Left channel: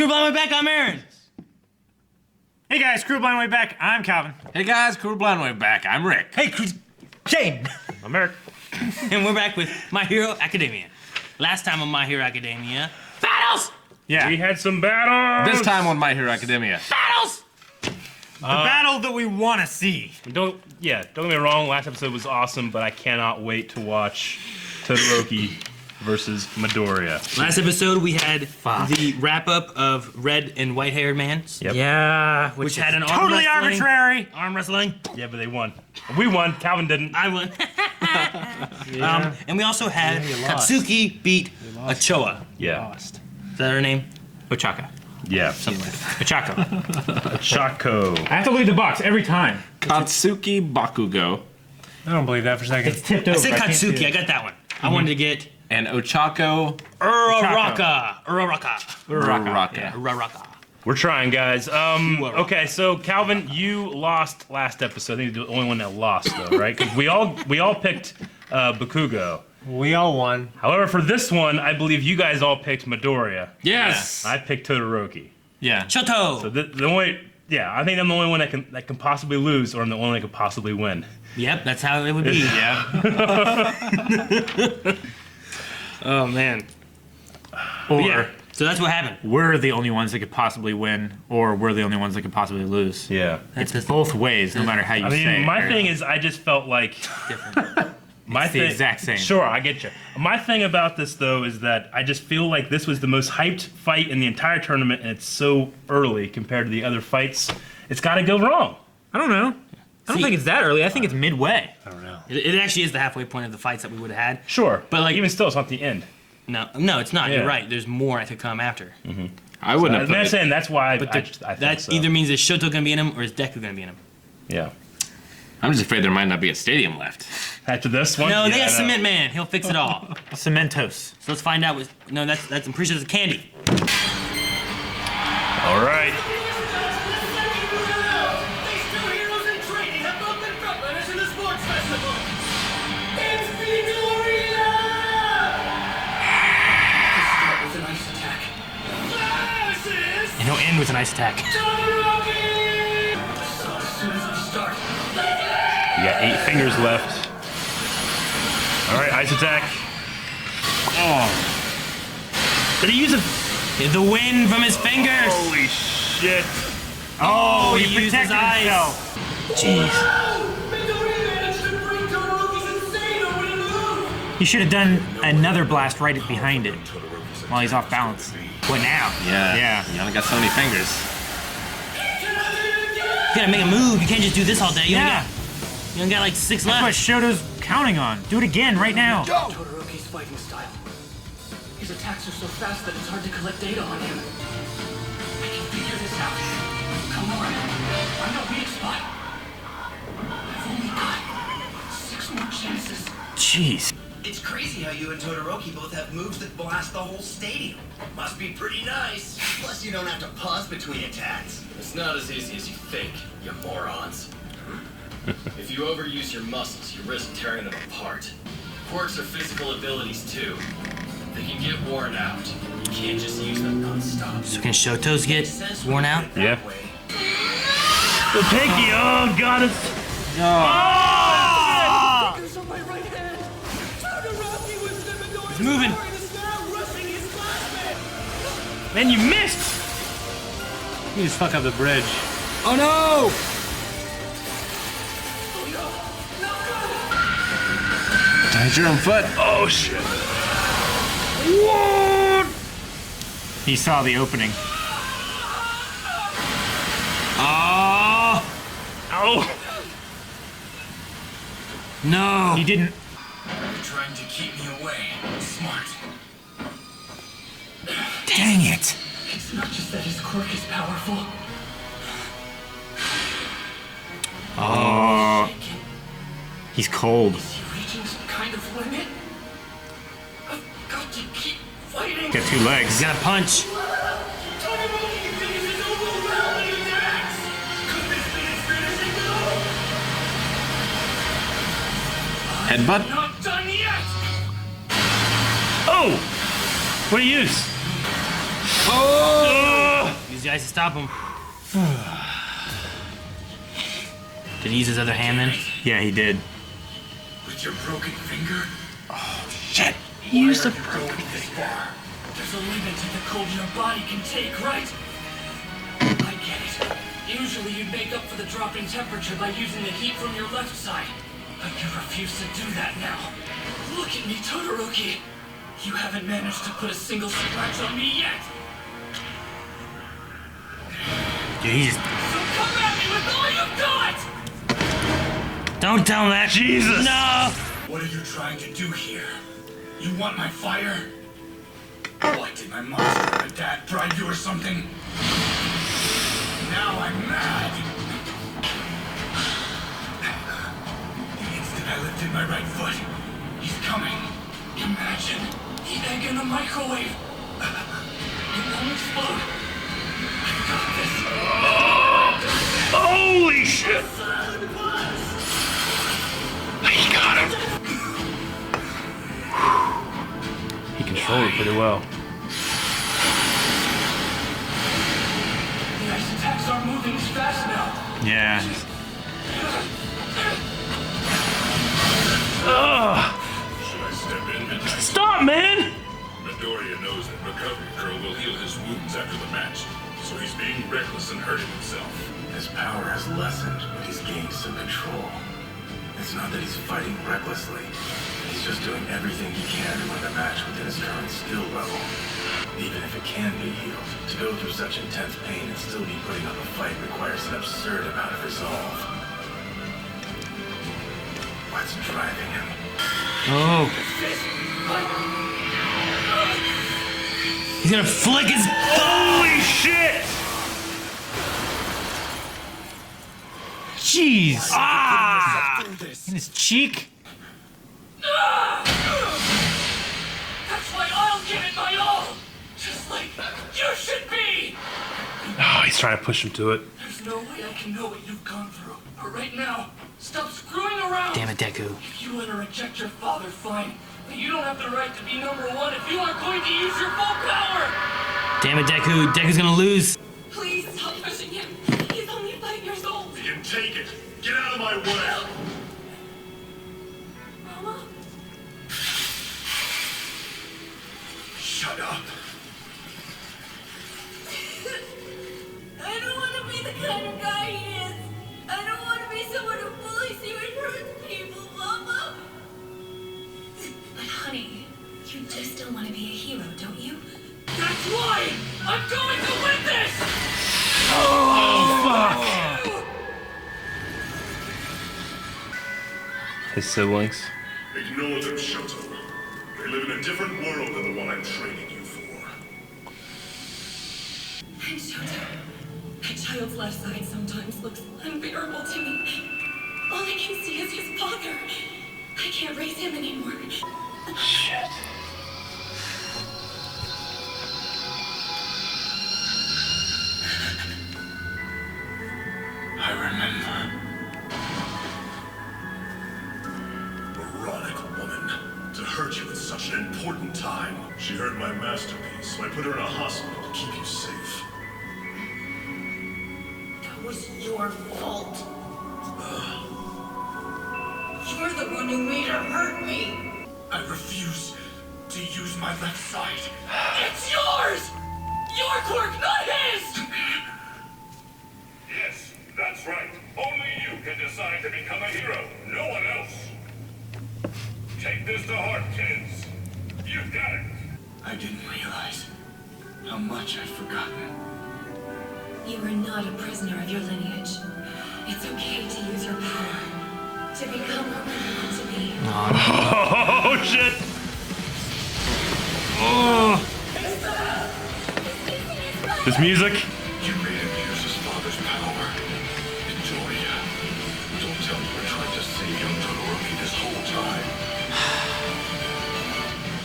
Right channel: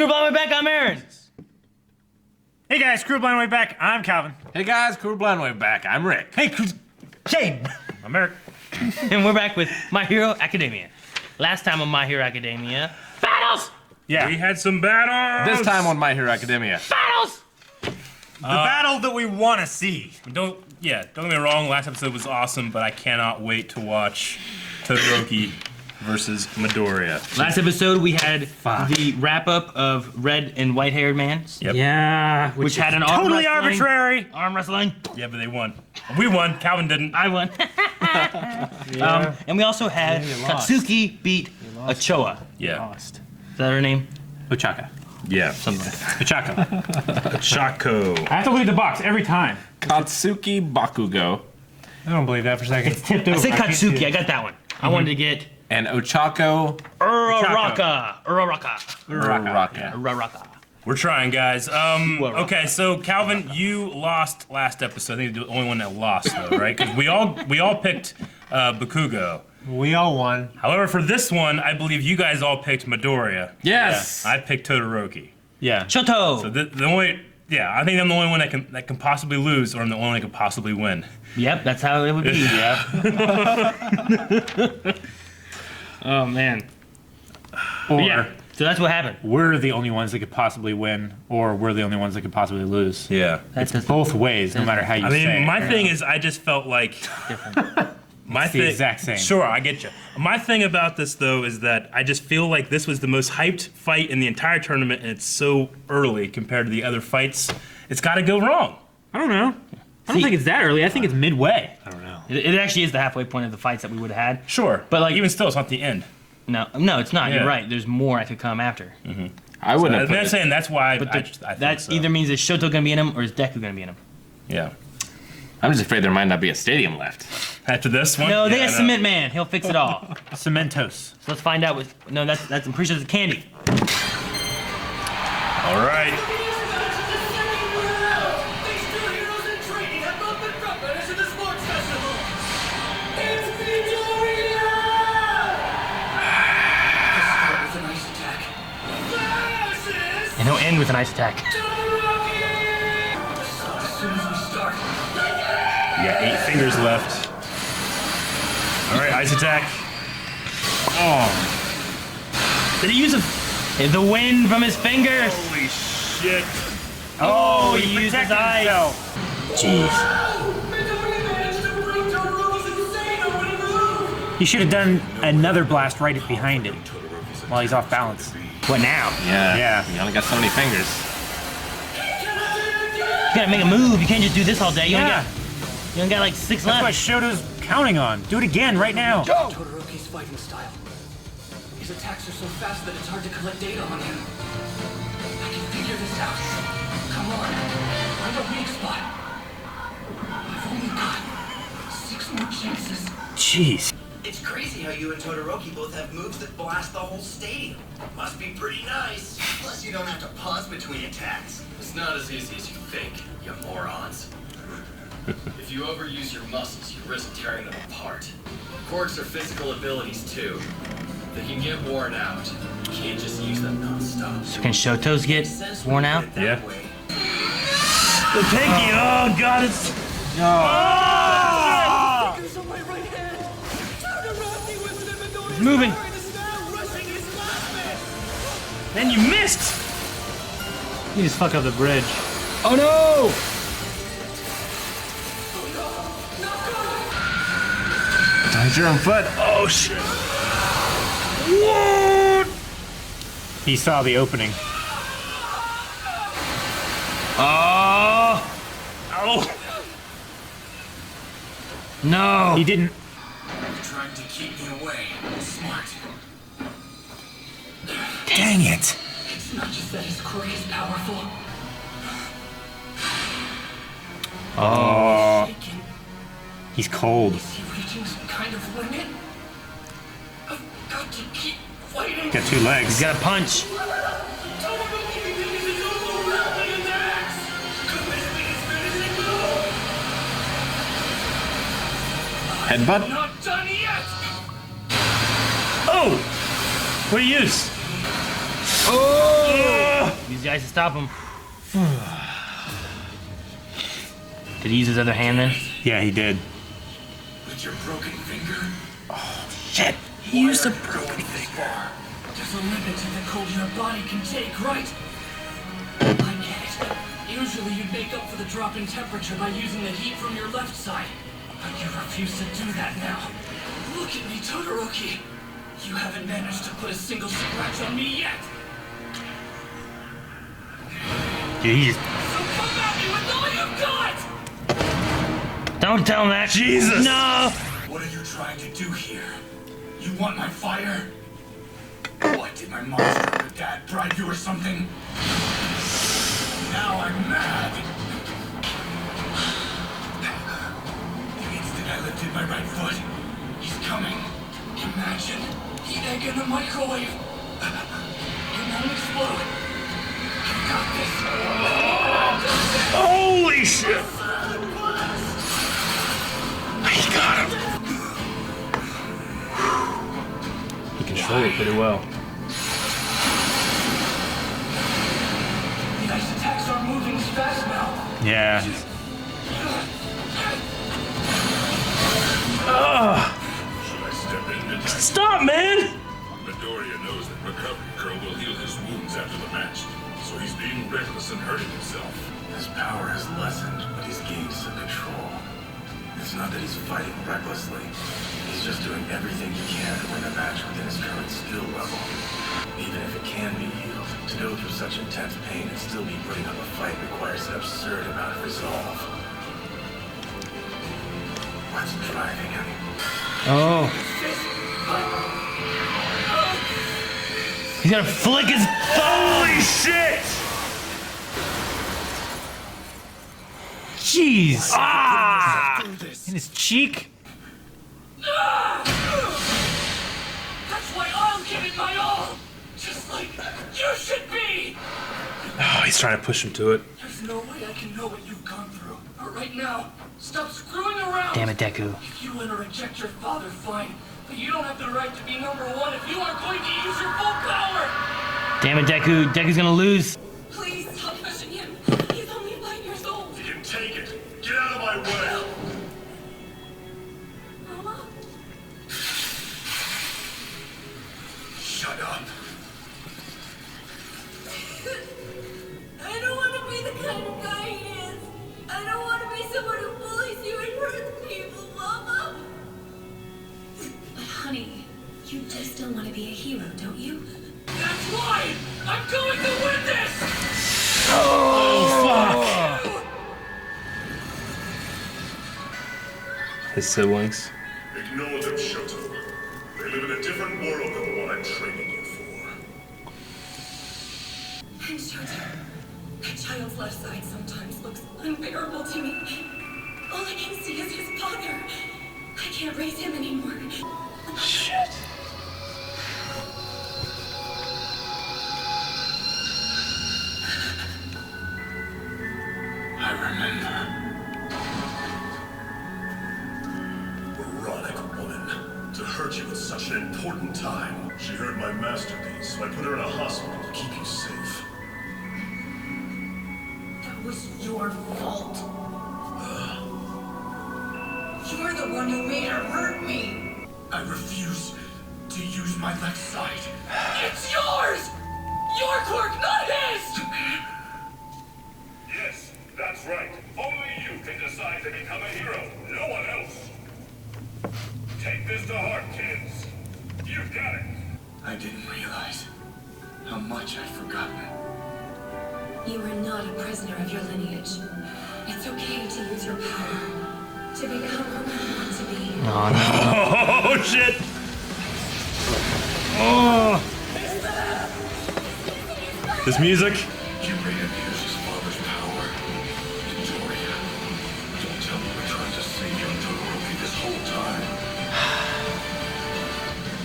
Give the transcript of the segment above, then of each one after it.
Screw Blind Way Back, I'm Aaron. Hey guys, Screw Blind Way Back, I'm Calvin. Hey guys, Screw Blind Way Back, I'm Rick. Hey, Shane. I'm Eric. And we're back with My Hero Academia. Last time on My Hero Academia, battles! Yeah. We had some battles. This time on My Hero Academia. Battles! The battle that we want to see. Don't get me wrong, last episode was awesome, but I cannot wait to watch Todoroki versus Midoriya. Last episode, we had the wrap-up of Red and White-Haired Man. Yep. Yeah. Which had an totally arbitrary. Arm wrestling. Yeah, but they won. We won. Calvin didn't. I won. And we also had Katsuki beat Ochoa. Yeah. Is that her name? Ochaka. Yeah. Ochako. Chaco. I have to lead the box every time. Katsuki Bakugo I don't believe that for a second. It's tipped over. I said can't do Katsuki. it. I got that one. I wanted to get and Ochako Uraraka. Uraraka. We're trying, guys. Okay, so Calvin, you lost last episode. You're the only one that lost, though, right? Because we all picked Bakugo. We all won. However, for this one, I believe you guys all picked Midoriya. Yes. I picked Todoroki. Yeah. Shoto. So the only, I think I'm the only one that can possibly lose, or I'm the only one that can possibly win. Yep, that's how it would be. Yeah. Oh man. Or Yeah. So that's what happened. we're the only ones that could possibly win, or we're the only ones that could possibly lose. Yeah. That's Both ways, no matter how you I mean, say it. my Aaron. thing is, I just felt like different. It's the exact same. Sure, I get you. My thing about this, though, is that I just feel like this was the most hyped fight in the entire tournament, and it's so early compared to the other fights. It's got to go wrong. I don't know. I don't think it's that early. I think it's midway. I don't know. It actually is the halfway point of the fights that we would have had. Sure, But, like, even still, it's not the end. No, it's not. Yeah. You're right. There's more that could come after. I wouldn't have I'm put it. saying that's why I That think so. either means is Shoto gonna be in him or is Deku gonna be in him. Yeah. I'm just afraid there might not be a stadium left. After this one? No, they Yeah, got I know. Cement Man. He'll fix it all. Cementos. So let's find out what. No, that's I'm pretty sure it's candy. All right. These two heroes in training have both been frontrunners in the sports festival. It's Midoriya! Let's start with an ice attack. Versus And he'll end with an ice attack. Todoroki! So as soon as we start, You got 8 fingers left. All right, ice attack. Oh. Did he use the wind from his fingers? Holy shit. Oh, he used his protected eyes. himself. Jeez. Midoriya managed to break Todoroki's insane opening move! He should have done another blast right behind him while he's off balance. What now? Yeah. Yeah. You only got so many fingers. You gotta make a move. You can't just do this all day. You only got like 6 That's what left. Shoto's counting on. Do it again right now. Todoroki's fighting style. His attacks are so fast that it's hard to collect data on him. I can figure this out. Come on. Find a weak spot. I've only got 6 more chances. Jeez. It's crazy how you and Todoroki both have moves that blast the whole stadium. Must be pretty nice. Plus, you don't have to pause between attacks. It's not as easy as you think, you morons. If you overuse your muscles, you risk tearing them apart. Quirks are physical abilities too. They can get worn out. You can't just use them non-stop. So can Shotos get Says worn we out? put it that Yeah. way. The pinky, oh god, it's... Fingers on my right hand. Todoroki was the Midoriya's moving. power and is now rushing his classmate. And you missed! You just fuck up the bridge. Oh no! Oh no, not good. Tied your own foot. Oh shit. He saw the opening. Oh Oh! no! He didn't. You're trying to keep me away. Smart. Dang it! It's not just that his quirk is powerful. Shaken. He's cold. Is he reaching some kind of limit? I've got to keep fighting. Got 2 legs. He's got a punch. Todoroki continues his overwhelming attacks. Could this be his finishing move? Headbutt. Not done yet. Oh! What do you use? Oh! guys to stop him. Did he use his other hand then? Yeah, he did. With your broken finger? Shit. Why are you going this far? There's a limit to the cold your body can take, right? I get it. Usually you'd make up for the drop in temperature by using the heat from your left side. But you refuse to do that now. Look at me, Todoroki. You haven't managed to put a single scratch on me yet. Dude, he just... So come at me with all you've got! Don't tell him that. Jesus! No! What are you trying to do here? You want my fire? What, did my monster of a dad bribe you or something? Now I'm mad! The instant I lifted my right foot, he's coming. Imagine the egg in the microwave. It won't explode. I've got this. Holy shit! He controlled it pretty well. The ice attacks aren't moving as fast now. Yeah. Should I step in midnight? Stop, man! Midoriya knows that Recovery Girl will heal his wounds after the match, so he's being reckless and hurting himself. His power has lessened, but he's gained some control. It's not that he's fighting recklessly. He's just doing everything he can to win a match within his current skill level. Even if it can be healed, to go through such intense pain and still be putting up a fight requires an absurd amount of resolve. What's driving him? Oh. He's gonna flick his... Holy shit! Jeez. Through this. In his cheek. That's why I'll give it my all! Just like you should be! Oh, he's trying to push him to it. There's no way I can know what you've gone through. But right now, stop screwing around! Damn it, Deku. If you let her reject your father, fine. But you don't have the right to be #1 if you aren't going to use your full power! Damn it, Deku. Deku's gonna lose. Please stop pushing him. He's only 5 years old. You can take it. Get out of my way. Mama? Shut up. I don't want to be the kind of guy he is. I don't want to be someone who bullies you and hurts people, Mama. But honey, you do still want to be a hero, don't you? That's why! I'm going to win this! His siblings. Ignore them, Shoto. They live in a different world than the one I'm training you for. And Shoto, that child's left side sometimes looks unbearable to me. All I can see is his father. I can't raise him anymore. Shit. I remember. Moronic woman. To hurt you at such an important time. She hurt my masterpiece, so I put her in a hospital to keep you safe. That was your fault. You're the one who made her hurt me. I refuse to use my left side. It's yours! Your quirk, not his! Yes, that's right. Only you can decide to become a hero. No one else. Take this to heart, kids. You've got it. I didn't realize how much I'd forgotten. You are not a prisoner of your lineage. It's okay to use your power. To become who you want to be. Oh, shit! Oh! This music? You made him use his father's power. Midoriya, don't tell me you were trying to save young Todoroki this whole time.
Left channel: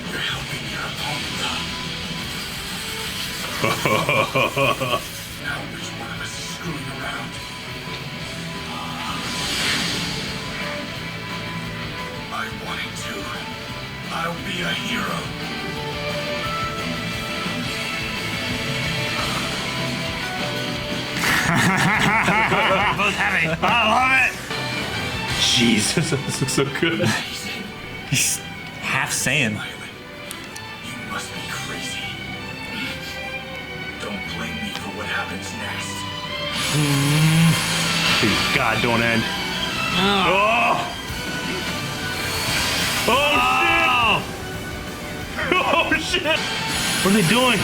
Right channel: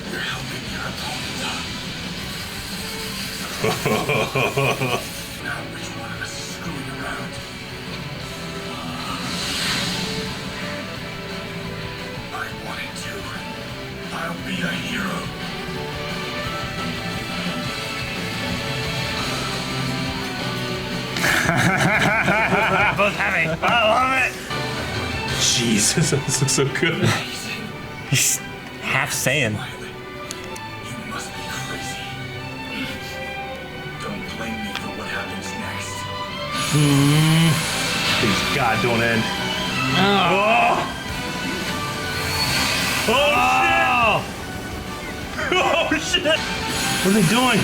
You're helping your opponent. Now which one of us is screwing around? I wanted to. I'll be a hero. love it. Jesus, this looks so good. He's half saying. Smiley, you must be crazy. Don't blame me for what happens next. God, don't end. Oh shit! What are they doing?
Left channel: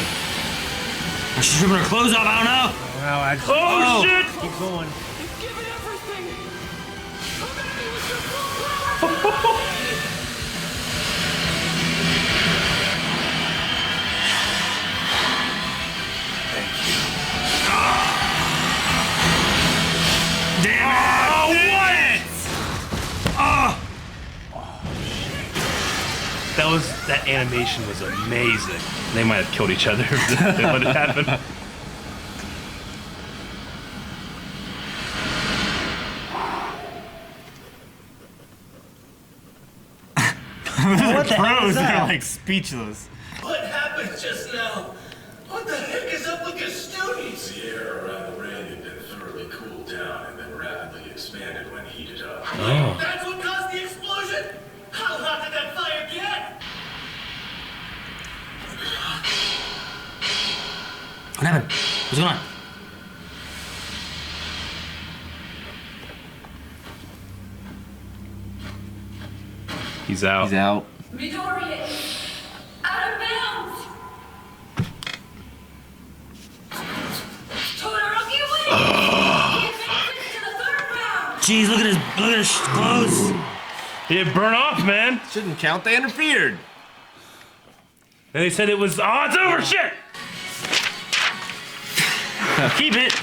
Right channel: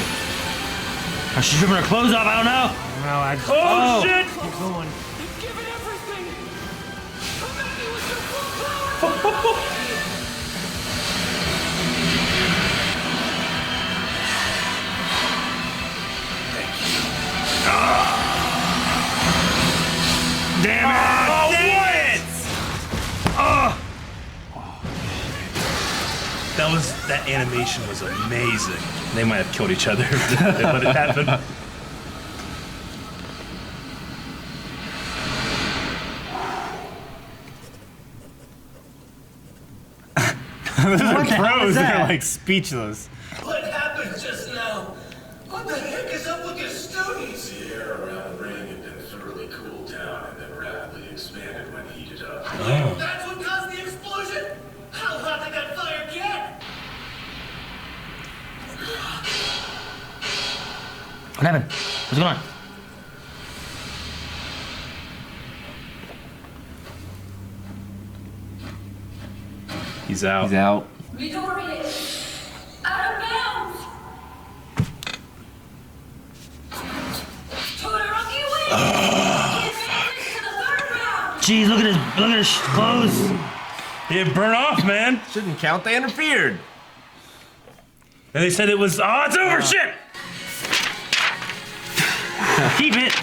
She's ripping her clothes off. I don't know. Well, I just Oh shit! keep going. They've given everything! Come at me with your full power! That animation was amazing. They might have killed each other. They let it happen. The pros are like speechless. What happened just now? What the heck is up with your students? The air around the ring had been thoroughly cooled down and then rapidly expanded when heated up. That's what caused the explosion? How hot did that fire get? What happened? What's going on? He's out. He's out. Midoriya is out of bounds. Todoroki wins. He advances to the third round. Jeez, look at his clothes. It burned off, man. Shouldn't count. They interfered. And they said it was, oh, it's over, shit! Keep it.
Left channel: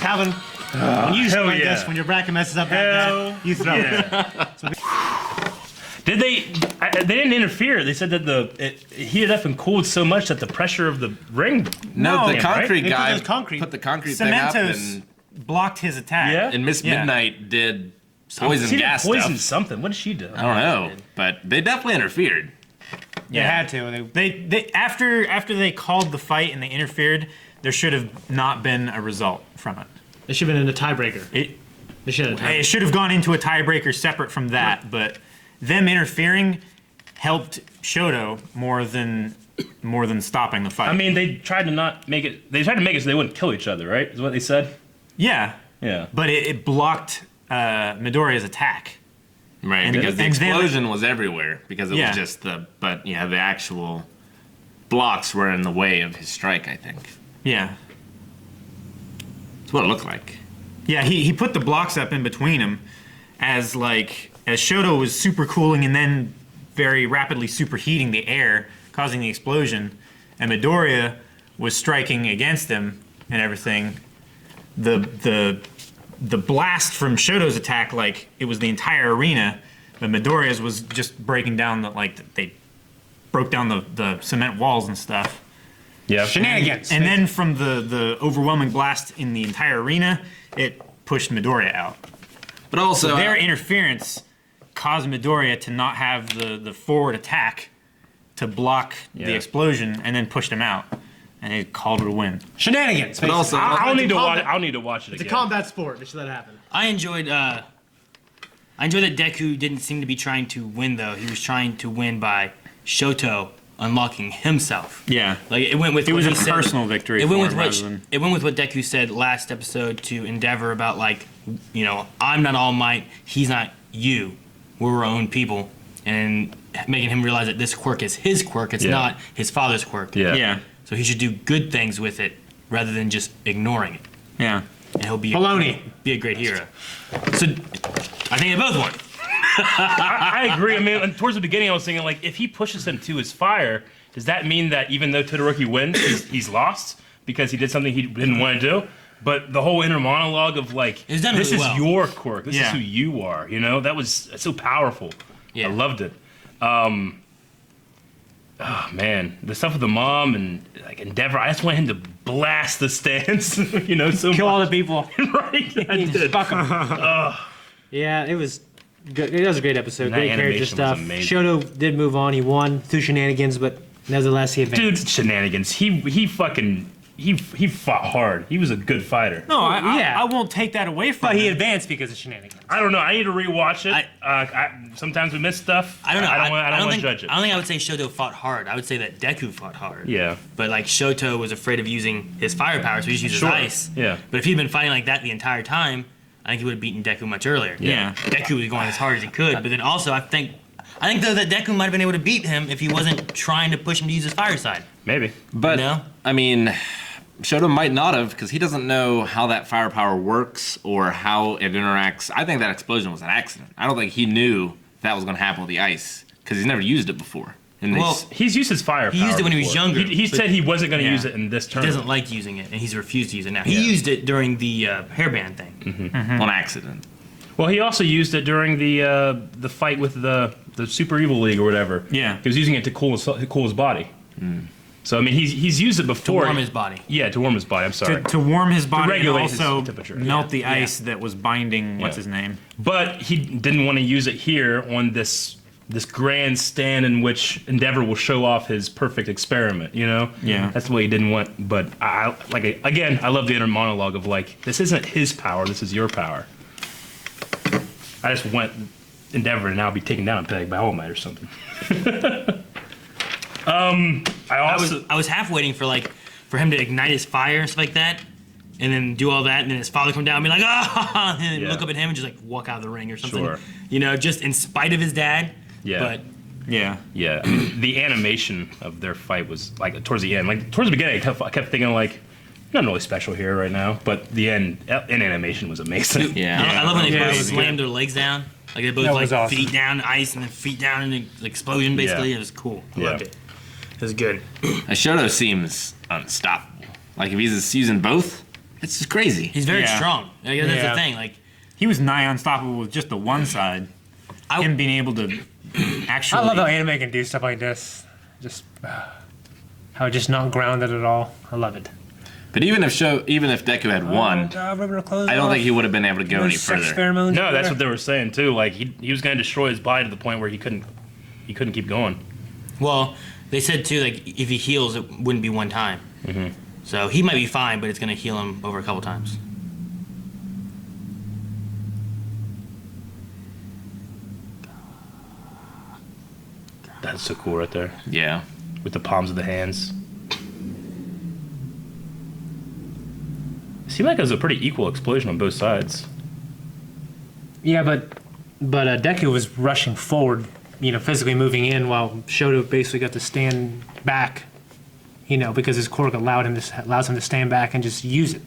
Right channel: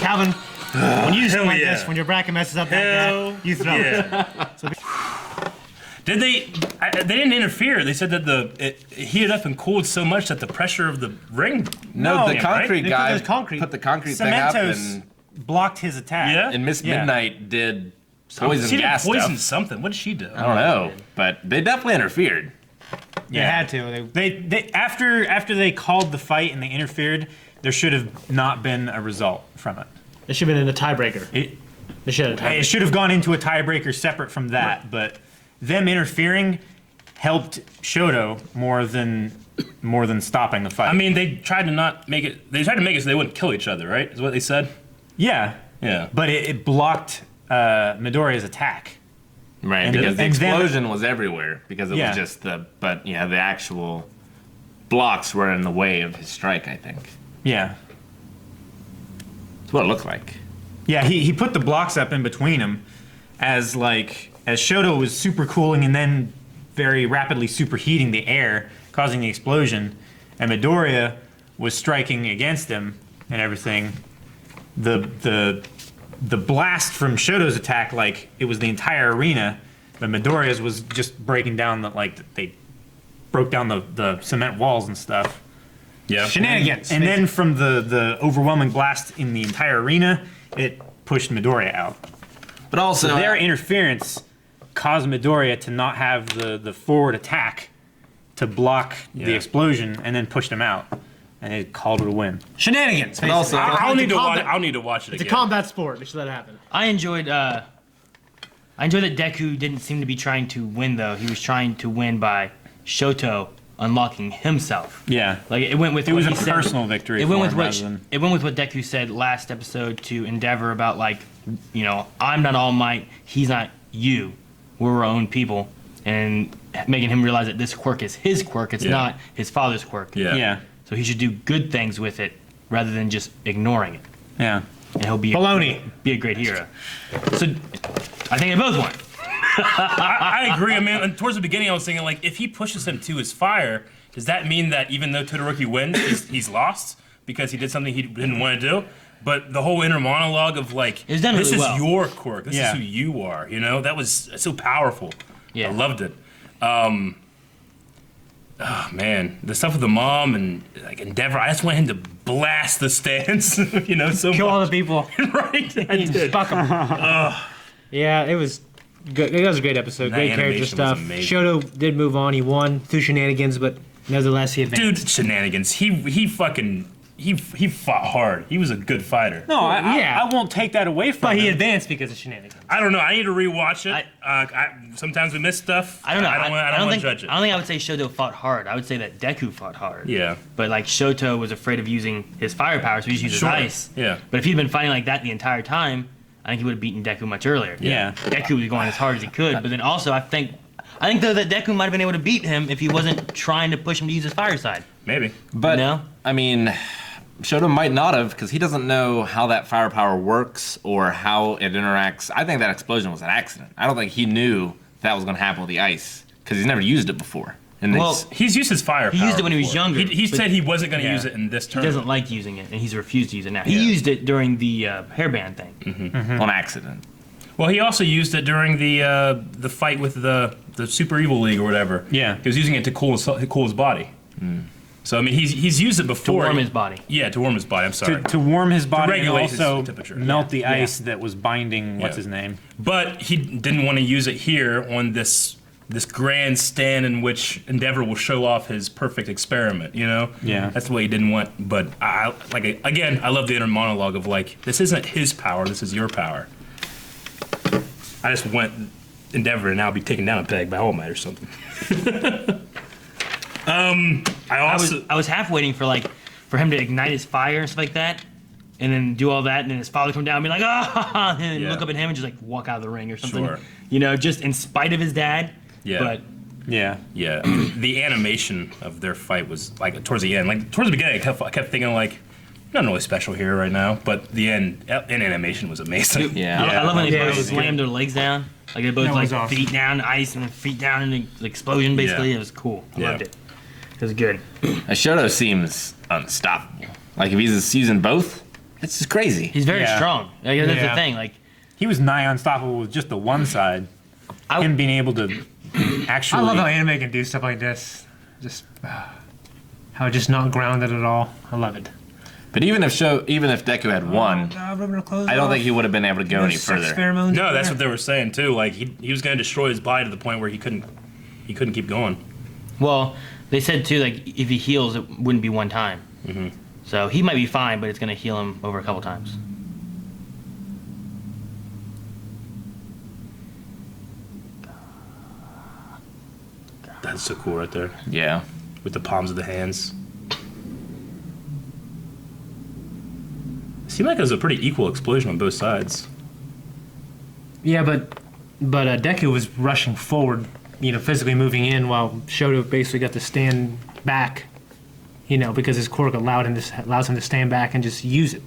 Calvin, when you hell like yeah. this, when your bracket messes up like Hell that, you throw it. yeah. Did they didn't interfere. They said that it heated up and cooled so much that the pressure of the ring. No, the Yeah, concrete right? guy They put put the concrete thing up Cementos and blocked his attack. Yeah? Miss Yeah. Midnight did poison She did gas poison stuff. something. What did she do? I don't know, but they definitely interfered. They had to. They after they called the fight and they interfered, there should have not been a result from it. It should have been in a tiebreaker. They should have. It should have gone into a tiebreaker separate from that, but them interfering helped Shoto more than stopping the fight. I mean, they tried to not make it. They tried to make it so they wouldn't kill each other, right? Is what they said. yeah, Yeah. but it blocked Midoriya's attack. Right, And- because the and then- explosion was everywhere. Because it Yeah. was just the actual blocks were in the way of his strike, I think. Yeah, That's what it looked like. yeah. He put the blocks up in between them as Shoto was super cooling and then very rapidly superheating the air, causing the explosion, and Midoriya was striking against him and everything. The blast from Shoto's attack, like it was the entire arena, but Midoriya's was just breaking down they broke down the cement walls and stuff. Yeah. Shenanigans. And then from the overwhelming blast in the entire arena, it pushed Midoriya out. But also, So their interference caused Midoriya to not have the forward attack to block the Yeah. explosion, and then pushed him out. And it called it a win. Shenanigans. but also, I'll need to watch. combat- I'll need to watch it It's a again. combat sport. They should let it happen. I enjoyed that Deku didn't seem to be trying to win though. He was trying to win by Shoto unlocking himself. Yeah. Like it went with It what was a he said- personal victory It went for with him what rather than- it went with what Deku said last episode to Endeavor about I'm not All Might, he's not you. We're our own people, and making him realize that this quirk is his quirk. It's Yeah. not his father's quirk. Yeah. Yeah. So he should do good things with it rather than just ignoring it. Yeah. And he'll be Baloney. be a great hero. So I think they both won. I agree. I mean, and towards the beginning, I was thinking if he pushes him to his fire, does that mean that even though Todoroki wins, he's lost because he did something he didn't want to do? But the whole inner monologue of It's done this really is well. your quirk, this Yeah. is who you are. That was so powerful. Yeah. I loved it. Oh man, the stuff with the mom and Endeavor. I just want him to blast the stands. So Kill all much. the people. Right. I He did. fuck 'em. Yeah, it was good. It was a great episode. That Great character animation was stuff. amazing. Shoto did move on. He won through shenanigans, but nevertheless he advanced. Dude, shenanigans. He fucking he fought hard. He was a good fighter. No, yeah. I won't take that away from But he him. advanced because of shenanigans. I don't know. I need to rewatch it. Sometimes we miss stuff. I don't know. I don't want to think, judge it. I don't think I would say Shoto fought hard. I would say that Deku fought hard. Yeah. But like Shoto was afraid of using his fire power, so he just used his ice. Yeah. But if he'd been fighting like that the entire time, I think he would have beaten Deku much earlier. Yeah. Deku was going as hard as he could, but then also I think though that Deku might have been able to beat him if he wasn't trying to push him to use his fire side. Maybe. But No? I mean, Shoto might not have because he doesn't know how that firepower works or how it interacts. I think that explosion was an accident. I don't think he knew that was going to happen with the ice because he's never used it before. And Well, He's used his fire He power used it when he was before. younger, He but- said he wasn't going to Yeah. use it in this He turn. doesn't like using it, and he's refused to use it now. He used it during the hairband thing. on accident. Well, he also used it during the fight with the Super Evil League or whatever. Yeah. He was using it to cool his body. So I mean, he's used it To before. warm his body. Yeah, to warm his body. I'm sorry. To warm his body and regulate his also temperature. melt the Yeah. ice that was binding, what's Yeah. his name? But he didn't want to use it here on this grand stand in which Endeavor will show off his perfect experiment. You know. Yeah. That's what he didn't want. But I love the inner monologue of like, this isn't his power. This is your power. I just want Endeavor to now be taken down a peg by All Might or something. I was half waiting for him to ignite his fire and stuff like that, and then do all that, and then his father come down and be like, ah, and Yeah. look up at him and just like walk out of the ring or something. Sure. You know, just in spite of his dad. Yeah. But Yeah. Yeah, the animation of their fight was like towards the end. Like towards the beginning, I kept thinking like, nothing really special here right now. But the end animation was amazing. Yeah. I love when they Yeah, it both was slammed their legs down. Like they both That like was awesome. feet down ice and then feet down in the explosion. Basically, Yeah. it was cool. I Yeah. loved it. It was good. Shoto seems unstoppable. Like if he's using both, it's just crazy. He's very Yeah. strong. Like, that's Yeah. the thing. Like He was nigh unstoppable with just the one side. I- Him being able to actually. I love how anime can do stuff like this. Just how it's just not grounded at all. I love it. But even if Deku had won, I don't think he would have been able to go any further. No, that's what they were saying too. Like he was going to destroy his body to the point where he couldn't keep going. Well, they said too, like if he heals, it wouldn't be one time. Mm-hmm. So he might be fine, but it's gonna heal him over a couple times. That's so cool right there Yeah. with the palms of the hands. It seemed like it was a pretty equal explosion on both sides. Yeah, but Deku was rushing forward, physically moving in, while Shoto basically got to stand back, because his quirk allows him to stand back and just use it.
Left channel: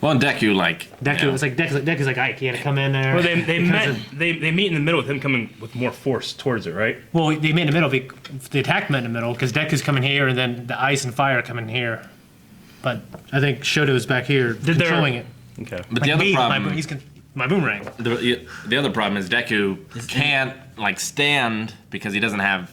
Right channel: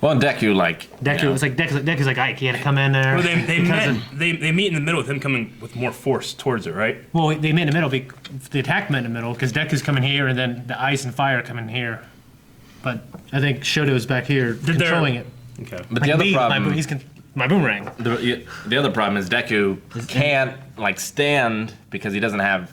Well, and Deku, Deku's like, Ike, he had to come in there. Well, they because met. They meet in the middle with him coming with more force towards it, right? Well, they met in the middle. The attack met in the middle because Deku's coming here, and then the ice and fire coming here. But I think Shoto's back here controlling it. Okay. But the other problem, My boomerang. the other problem is Deku can't stand because he doesn't have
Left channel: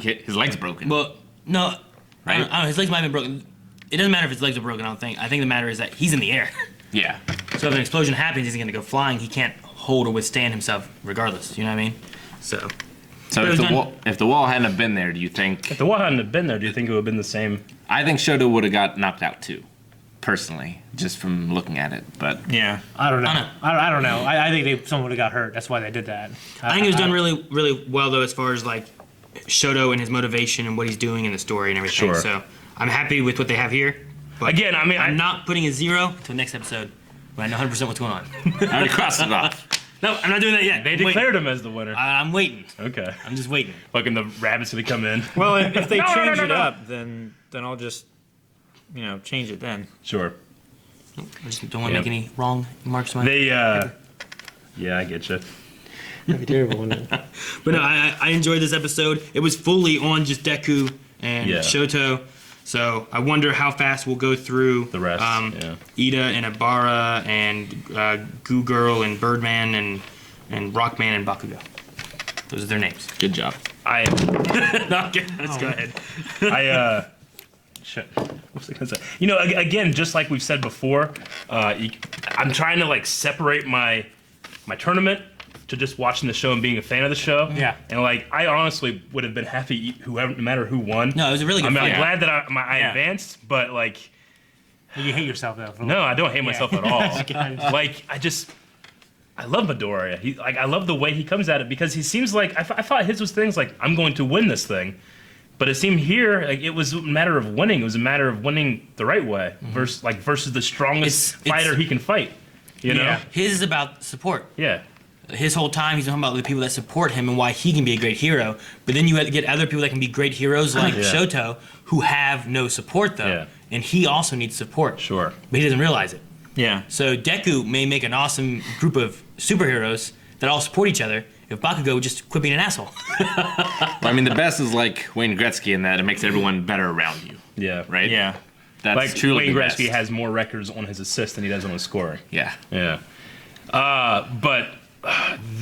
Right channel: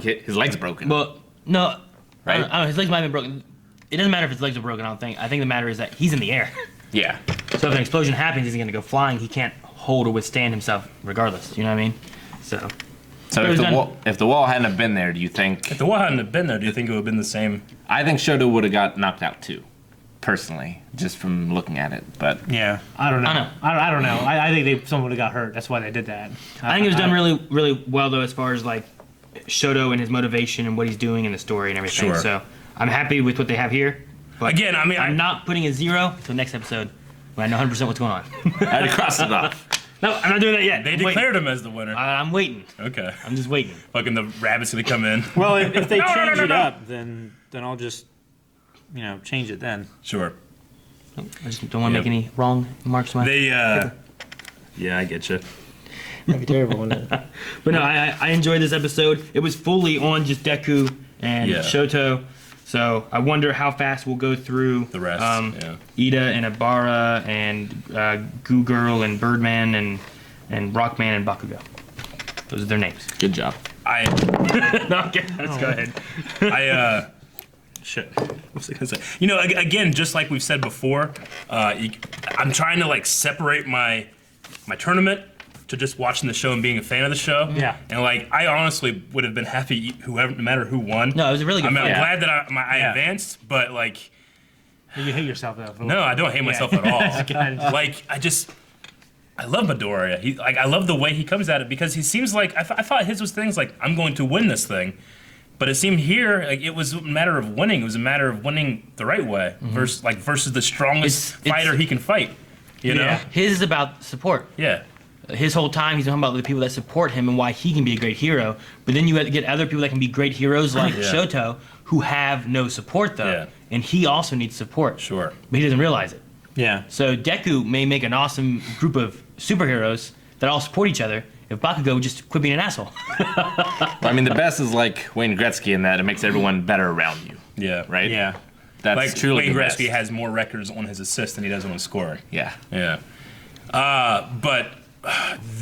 his legs broken. Well, no, Right? I don't know, his legs might have been broken. It doesn't matter if his legs are broken. I don't think. I think the matter is that he's in the air. Yeah. So if an explosion happens, he's gonna go flying. He can't hold or withstand himself, regardless. You know what I mean? So So It if was the done- wall hadn't have been there, do you think? If the wall hadn't have been there, do you think it would have been the same? I think Shoto would have got knocked out too, personally, just from looking at it. But Yeah. I don't know. I know. I don't know. I think someone would have got hurt. That's why they did that. I think it was done really, really well though, as far as like Shoto and his motivation and what he's doing in the story and everything. Sure. So I'm happy with what they have here. But Again, I mean, I'm not putting a 0 until next episode. When I know 100% what's going on. I already crossed it off. No, I'm not doing that yet. They declared him as the winner. I'm waiting. Okay. I'm just waiting. Fucking the rabbit's gonna come in. Well, if they No, no, change no, it no. up, then I'll just, change it then. Sure. I just don't want to Yep. make any wrong marks. On my They. Yeah, I get you. That'd be terrible, wouldn't it? But no, I enjoyed this episode. It was fully on just Deku and Yeah. Shoto. So I wonder how fast we'll go through The rest, yeah. Ida and Abara and Goo Girl and Birdman and Rockman and Bakugo. Those are their names. Good job. Okay, let's go ahead. Shit. What was I gonna say? Again, just like we've said before, I'm trying to separate my tournament to just watching the show and being a fan of the show. Yeah. And I honestly would have been happy no matter who won. No, it was a really good I'm fight. Yeah. glad that I Yeah. advanced, but You hate yourself though. No, I don't hate myself at all. Again. Like I love Midoriya. I love the way he comes at it because he seems like I thought his was things like I'm going to win this thing, but it seemed here like it was a matter of winning. It was a matter of winning the right way versus the strongest fighter he can fight. You know, his is about support. Yeah. His whole time he's talking about the people that support him and why he can be a great hero. But then you have to get other people that can be great heroes like Shoto who have no support though. Yeah. And he also needs support. Sure. But he doesn't realize it. Yeah. So Deku may make an awesome group of superheroes that all support each other if Bakugo would just quit being an asshole. Well, I mean, the best is like Wayne Gretzky in that it makes everyone better around you. Yeah. Right? Yeah. That's Like truly Wayne the best. Gretzky has more records on his assists than he does on his scoring. Yeah. Yeah. But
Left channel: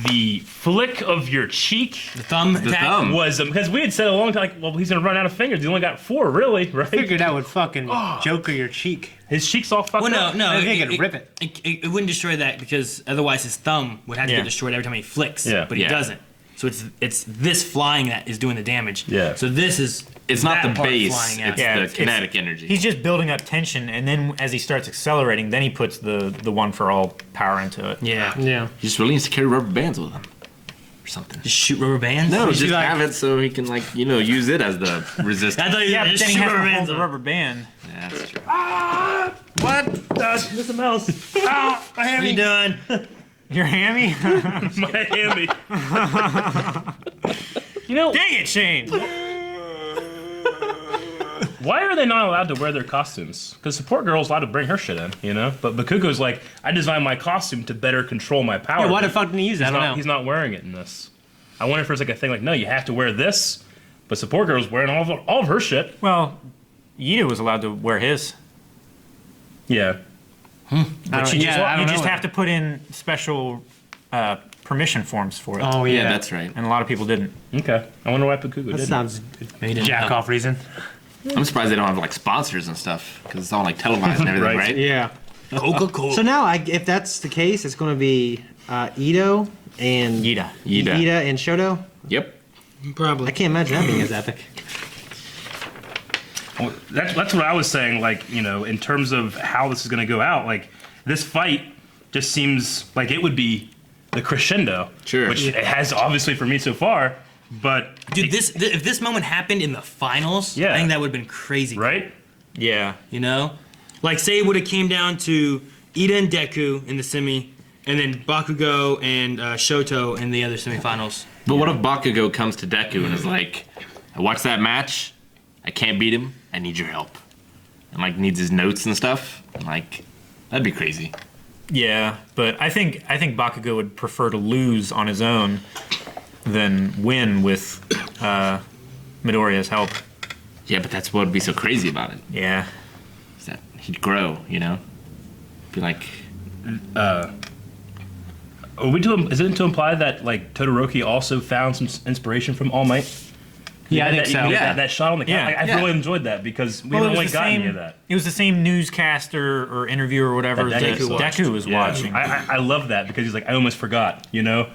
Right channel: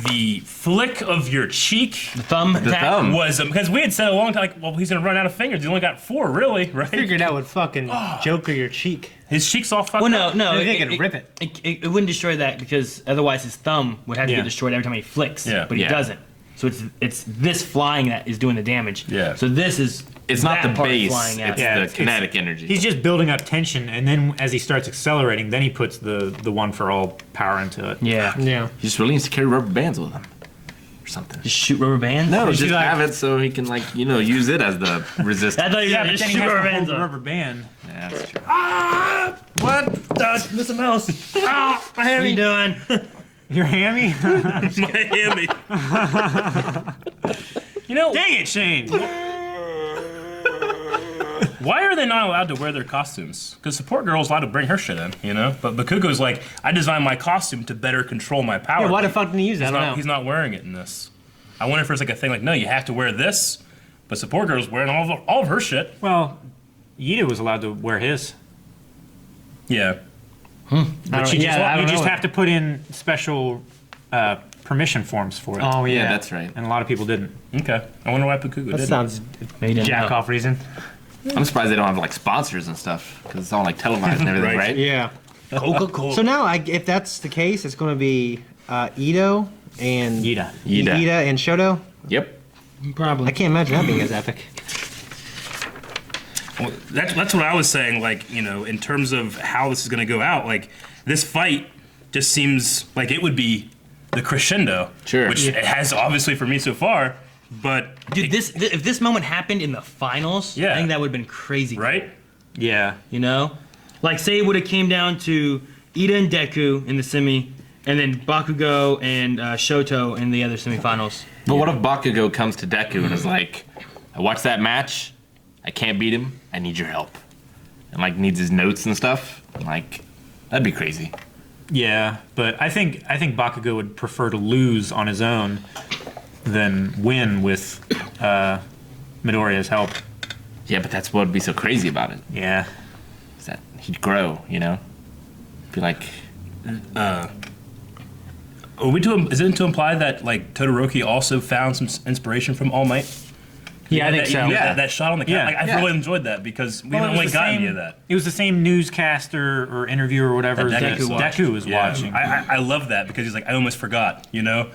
the flick of your cheek The thumb The attack. thumb. was because we had said a long time, like, well, he's gonna run out of fingers. He only got 4, really, right? Figured that would fucking Joker your cheek. His cheek's all fucked Well, up. no, I think it'd rip it. It wouldn't destroy that because otherwise his thumb would have to Yeah. get destroyed every time he flicks. Yeah. But he Yeah. doesn't. So it's this flying that is doing the damage. Yeah. So this is It's not the that part base, flying it's out. the it's- kinetic energy. He's just building up tension, and then as he starts accelerating, then he puts the one for all power into it. Yeah. Yeah. He just really needs to carry rubber bands with him. Or something. Just shoot rubber bands? No, You should, just like- have it so he can, like, use it as the resistance. I thought you Yeah, were but just then he shoot has rubber to hold bands the up. rubber band. Yeah, that's true. What? There's a mouse. Ah, my hand. What are you doing? Your hammy? Miami. You know, Dang it, Shane! why are they not allowed to wear their costumes? Because Support Girl's allowed to bring her shit in, you know? But Bakugo's like, I designed my costume to better control my power. Yeah, why the fuck didn't he use that? I don't know. He's not wearing it in this. I wonder if there's like a thing like, no, you have to wear this, but Support Girl's wearing all of her shit. Well, Yida was allowed to wear his. Yeah. But you just have to put in special permission forms for it. Oh Yeah, yeah. that's right. And a lot of people didn't. Okay. I wonder why Bakugo That didn't. sounds Made jack off reason. I'm surprised they don't have, like, sponsors and stuff, because it's all, like, televised and everything, Right. right? Yeah. Coca-Cola. So now, if that's the case, it's going to be Ito and Yida. Yida. and Shoto. Yep. Probably. I can't imagine that being as epic. Well, that's what I was saying, like, you know, in terms of how this is going to go out. Like, this fight just seems like it would be the crescendo. Sure. Which it has, obviously, for me so far. But, Dude, if this moment happened in the finals, Yeah. I think that would have been crazy. right? Yeah. You know? Like, say it would have came down to Ida and Deku in the semi, and then Bakugo and Shoto in the other semifinals. But what if Bakugo comes to Deku and is like, I watched that match, I can't beat him, I need your help. And, like, needs his notes and stuff. Like, that'd be crazy. Yeah, but I think Bakugo would prefer to lose on his own than win with Midoriya's help. Yeah, but that's what would be so crazy about it. Yeah. Is that he'd grow, you know? Be like, Is it to imply that, like, Todoroki also found some inspiration from All Might? Yeah, I think so. Yeah. That shot on the Yeah. cat. I Yeah. really enjoyed that because we Well, haven't really gotten any of that. It was the same newscaster or interviewer or whatever That that Deku Deku was Yeah. watching. I love that because he's like, I almost forgot, you know?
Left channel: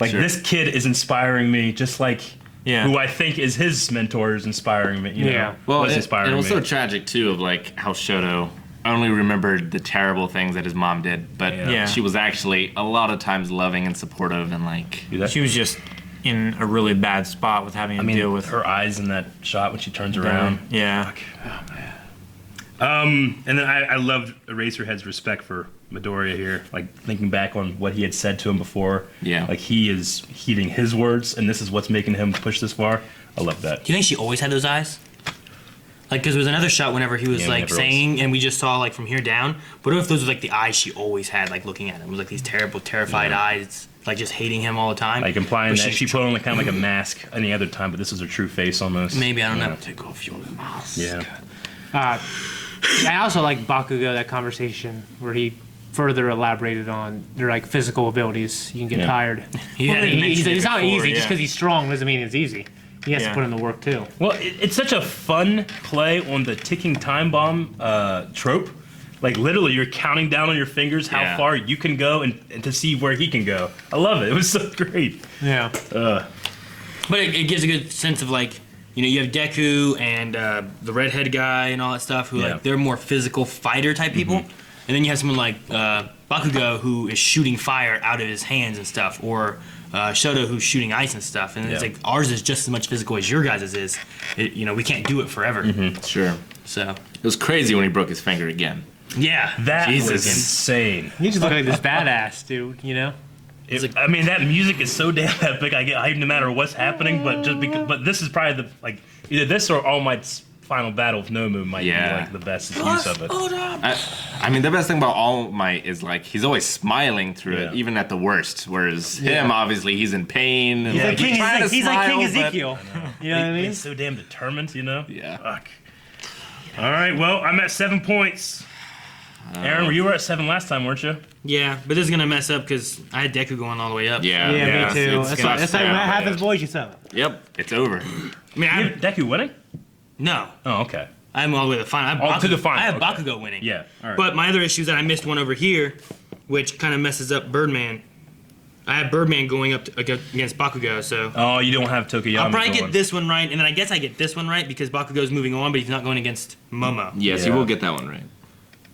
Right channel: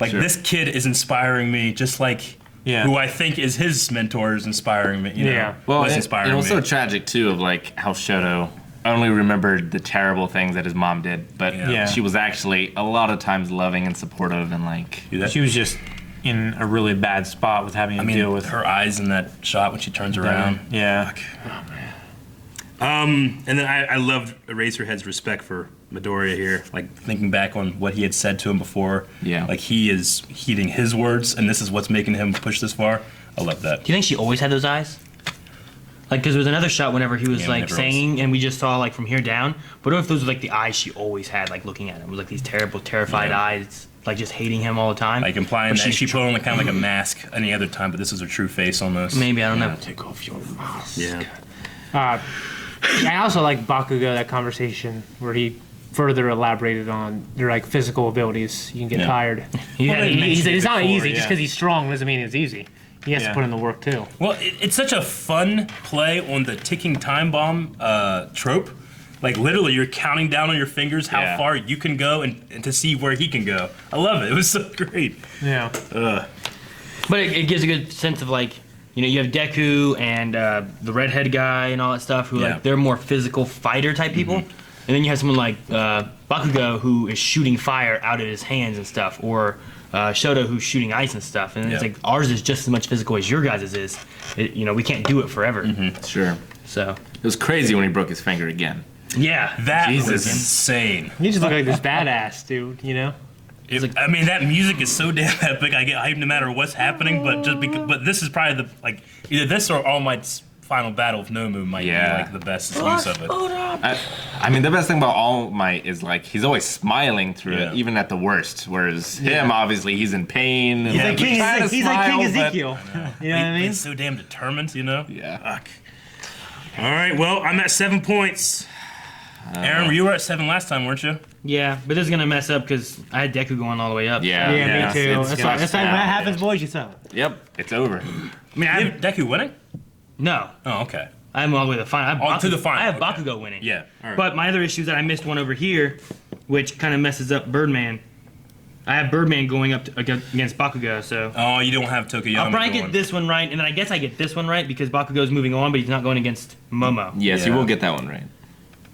Like, Sure. this kid is inspiring me just like Yeah. who I think is his mentor is inspiring me. You know? Yeah. well, Was it inspiring was me. so tragic, too, of, like, how Shoto only remembered the terrible things that his mom did, but Yeah. she was actually a lot of times loving and supportive and, like, She was just in a really bad spot with having to I mean, deal with her eyes in that shot when she turns that. around. Yeah. And then I loved Eraserhead's respect for Midoriya here, like thinking back on what he had said to him before. Yeah. Like he is heeding his words, and this is what's making him push this far. I love that. Do you think she always had those eyes? Like, because there was another shot whenever he was, Yeah, like, whenever it was- saying, and we just saw, like, from here down. But what if those were, like, the eyes she always had, like, looking at him? It was, like, these terrible, terrified eyes, like, just hating him all the time. Like implying But that she put on like, kind of like a mask any other time, but this is her true face almost. Maybe, I don't know. take off your mask. Yeah. I also like Bakugo, that conversation where he further elaborated on their like physical abilities. You can get Yeah. tired. Yeah, He said it's not before, easy. yeah. Just because he's strong doesn't mean it's easy. He has Yeah. to put in the work too. Well, it's such a fun play on the ticking time bomb trope. Like literally, you're counting down on your fingers how Yeah. far you can go and to see where he can go. I love it. It was so great. Yeah. But it gives a good sense of, like, you know, you have Deku and the redhead guy and all that stuff who like they're more physical fighter type people, and then you have someone like Bakugo who is shooting fire out of his hands and stuff, or Shoto who's shooting ice and stuff, and it's like ours is just as much physical as your guys' is. You know, we can't do it forever. Sure. So It was crazy when he broke his finger again. yeah, That was Jesus. insane. You just look like this badass dude, you know? I mean, that music is so damn epic. I get hyped no matter what's happening, but just because. But this is probably either this or All Might's final battle with Nomu might be like the best use of it. I mean, the best thing about All Might is like he's always smiling through it, even at the worst. Whereas him, obviously, he's in pain and like he's trying to he's smile, like King but Ezekiel. You know what I mean? He's so damn determined, you know. yeah. Fuck. All right, well, I'm at 7 points. Aaron, you were at 7 last time, weren't you? yeah, but this is gonna mess up because I had Deku going all the way up. Yeah, Yeah, me too. It's That's tough like when now. that happens, boys, you suck. Yep, it's over. I mean, I You have, have Deku winning? no, Oh, okay. I'm all the way to the final. I have To the final. I have okay. Bakugo winning. Yeah. All right. But my other issue is that I missed one over here, which kind of messes up Birdman. I have Birdman going up against Bakugo, so Oh, you don't have Tokuyama. I'll probably going. get this one right, and then I guess I get this one right because Bakugo's moving on, but he's not going against Momo. Yes, you will get that one right.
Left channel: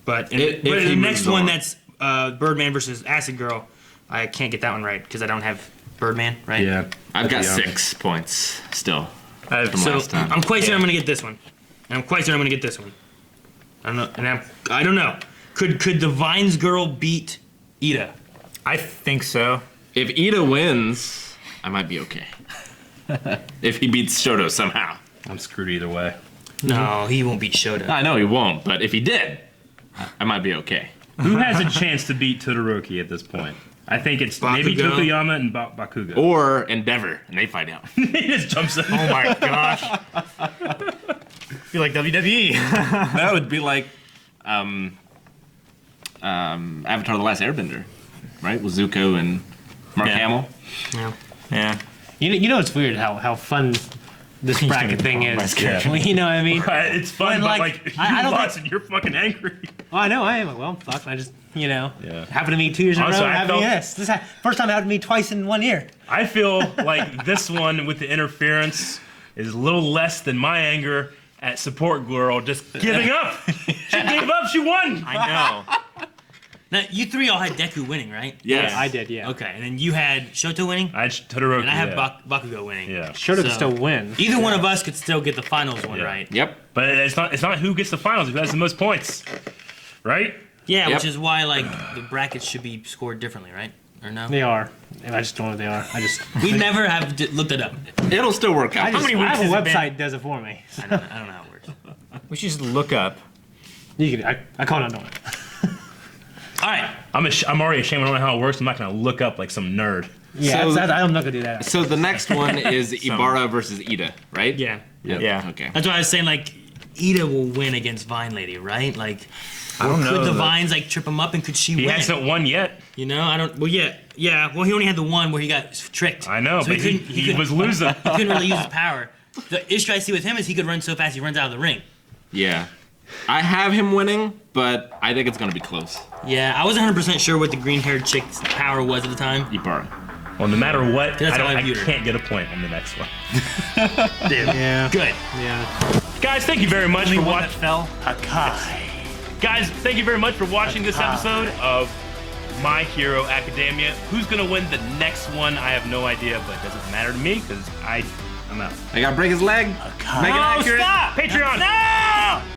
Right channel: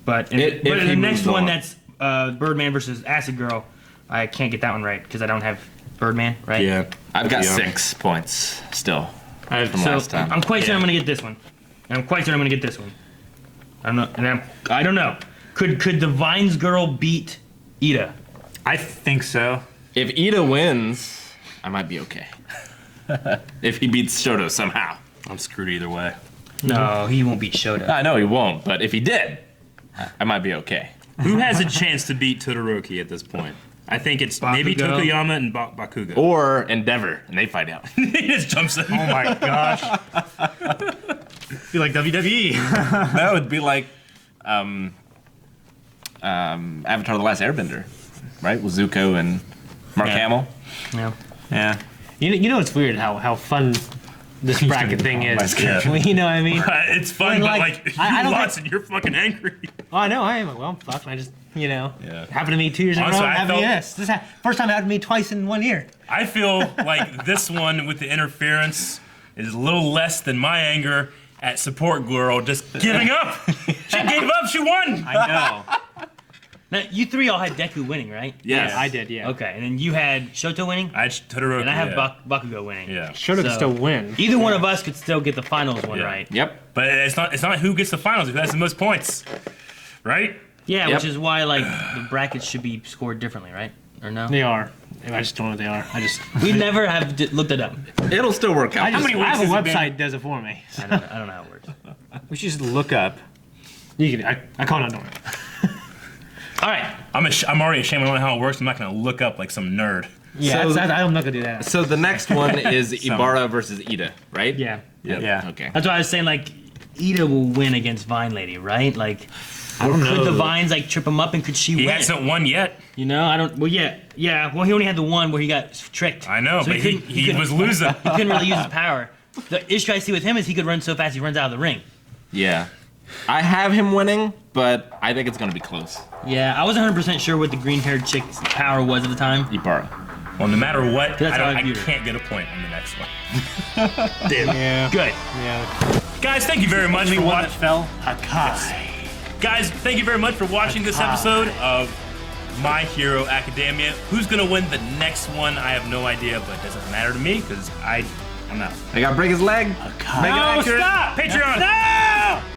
But If but he the next moves one on. that's Birdman versus Acid Girl, I can't get that one right because I don't have Birdman right. Yeah. I've got Yeah. 6 points still from So last time. I'm quite sure Yeah. I'm gonna get this one. And I'm quite sure I'm gonna get this one. I don't know. Could the Vines girl beat Ida? I think so. If Ida wins, I might be okay. If he beats Shoto somehow. I'm screwed either way. No, he won't beat Shoto. I know he won't, but if he did, I might be okay. Who has a chance to beat Todoroki at this point? I think it's maybe Bakugo. Tokuyama and Bakugo. Or Endeavor, and they fight out. He just jumps in. Oh my gosh. Be like WWE. That would be like Avatar: The Last Airbender, right? With Zuko and Mark Yeah. Hamill. Yeah. Yeah. You know it's weird how fun this bracket thing is. You know what I mean? It's fun, When, but like, like I you don't lost and you're fucking angry. Oh, I know I am. Well, fuck. I just, you know, Yeah. happened to me 2 years in a Also, row. I Happened to me felt- this. First time it happened to me twice in 1 year. I feel like this one with the interference is a little less than my anger at support girl just giving up. She gave up. She won. I know. Now you three all had Deku winning, right? Yes. I did, yeah. Okay, and then you had Shoto winning, I had Todoroki. and I have yeah. Bakugo winning. Yeah. Shoto could So- still win. Either one of us could still get the finals one Yeah. right. Yep. But it's not who gets the finals, who has the most points. Right? Yeah, Yep. which is why like the brackets should be scored differently, right? Or no? They are. I just don't know what they are. We never have looked it up. It'll still work out. How many weeks a has it been? website does it for me. I don't know how it works. We should just look up. You can, I call it on it. All right. I'm already ashamed. I don't know how it works. I'm not gonna look up like some nerd. Yeah, So- I'm not gonna do that. So the next one is Ibarra versus Ida, right? Yeah. Yeah. Okay. That's why I was saying like Ida will win against Vine Lady, right? Like I don't know. could the Vines like trip him up and could she He win? hasn't won yet. You know, I don't. Well, yeah. Well, he only had the one where he got tricked. I know, So but he couldn't- was losing. He couldn't really use his power. The issue I see with him is he could run so fast he runs out of the ring. Yeah. I have him winning, but I think it's going to be close. Yeah, I wasn't 100% sure what the green-haired chick's power was at the time. Ibarra. Well, no matter what, That's how I I viewed it. can't get a point on the next one. Damn. Yeah. Good. Yeah. Guys, thank you very much Only for one that watching. fell. Hakai. Guys, thank you very much for watching this episode of My Hero Academia. Who's gonna win the next one? I have no idea, but it doesn't matter to me because I'm out. I got to break his leg. Make it No, accurate. stop! Patreon! No!